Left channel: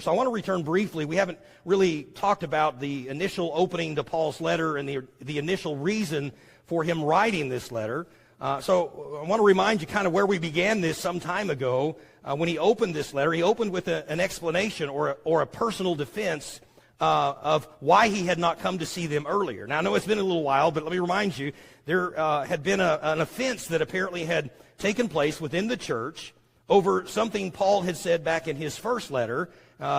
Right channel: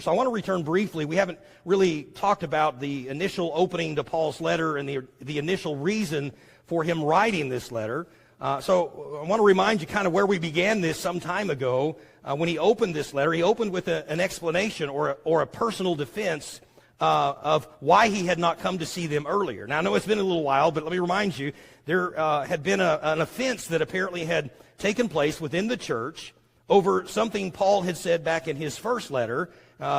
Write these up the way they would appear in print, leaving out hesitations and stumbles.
So I want to return briefly. We haven't really talked about the initial opening to Paul's letter and the initial reason for him writing this letter. So I want to remind you kind of where we began this some time ago. When he opened this letter, he opened with an explanation or a personal defense of why he had not come to see them earlier. Now, I know it's been a little while, but let me remind you, there had been an offense that apparently had taken place within the church over something Paul had said back in his first letter,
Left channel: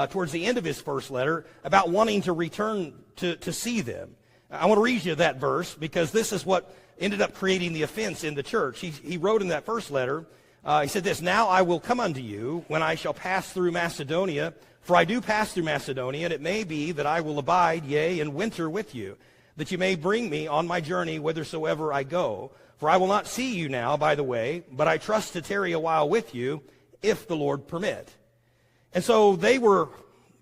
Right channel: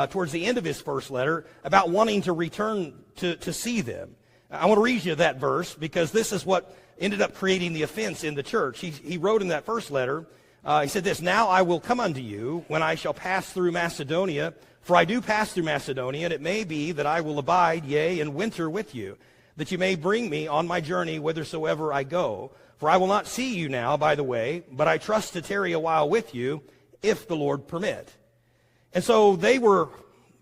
towards the end of his first letter, about wanting to return to see them. I want to read you that verse because this is what ended up creating the offense in the church. He wrote in that first letter, he said this, "Now I will come unto you when I shall pass through Macedonia, for I do pass through Macedonia, and it may be that I will abide, yea, and winter with you, that you may bring me on my journey whithersoever I go. For I will not see you now by the way, but I trust to tarry a while with you, if the Lord permit." And so they were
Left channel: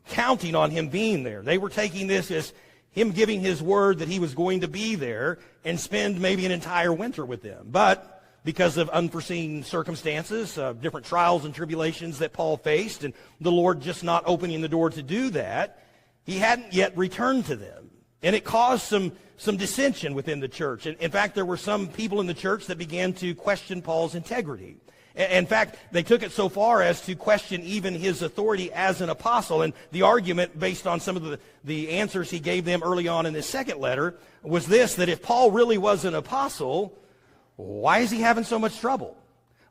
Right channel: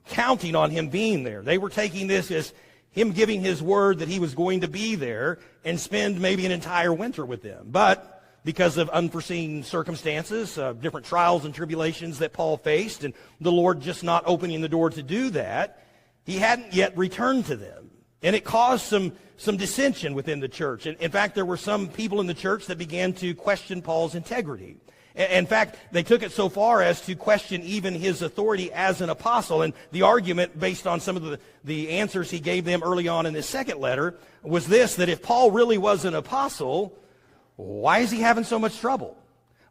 counting on him being there. They were taking this as him giving his word that he was going to be there and spend maybe an entire winter with them. But because of unforeseen circumstances, different trials and tribulations that Paul faced, and the Lord just not opening the door to do that, he hadn't yet returned to them. And it caused some dissension within the church. And in fact, there were some people in the church that began to question Paul's integrity. In fact, they took it so far as to question even his authority as an apostle. And the argument, based on some of the answers he gave them early on in his second letter, was this, that if Paul really was an apostle, why is he having so much trouble?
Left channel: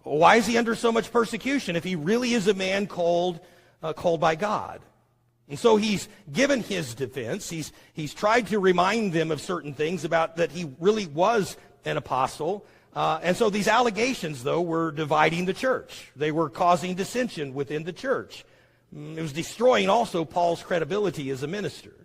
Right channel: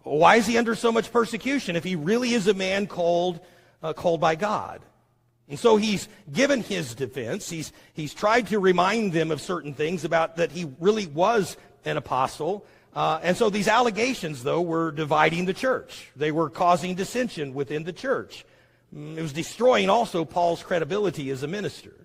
Why is he under so much persecution if he really is a man called by God? And so he's given his defense. He's tried to remind them of certain things about that he really was an apostle. And so these allegations, though, were dividing the church. They were causing dissension within the church. It was destroying also Paul's credibility as a minister.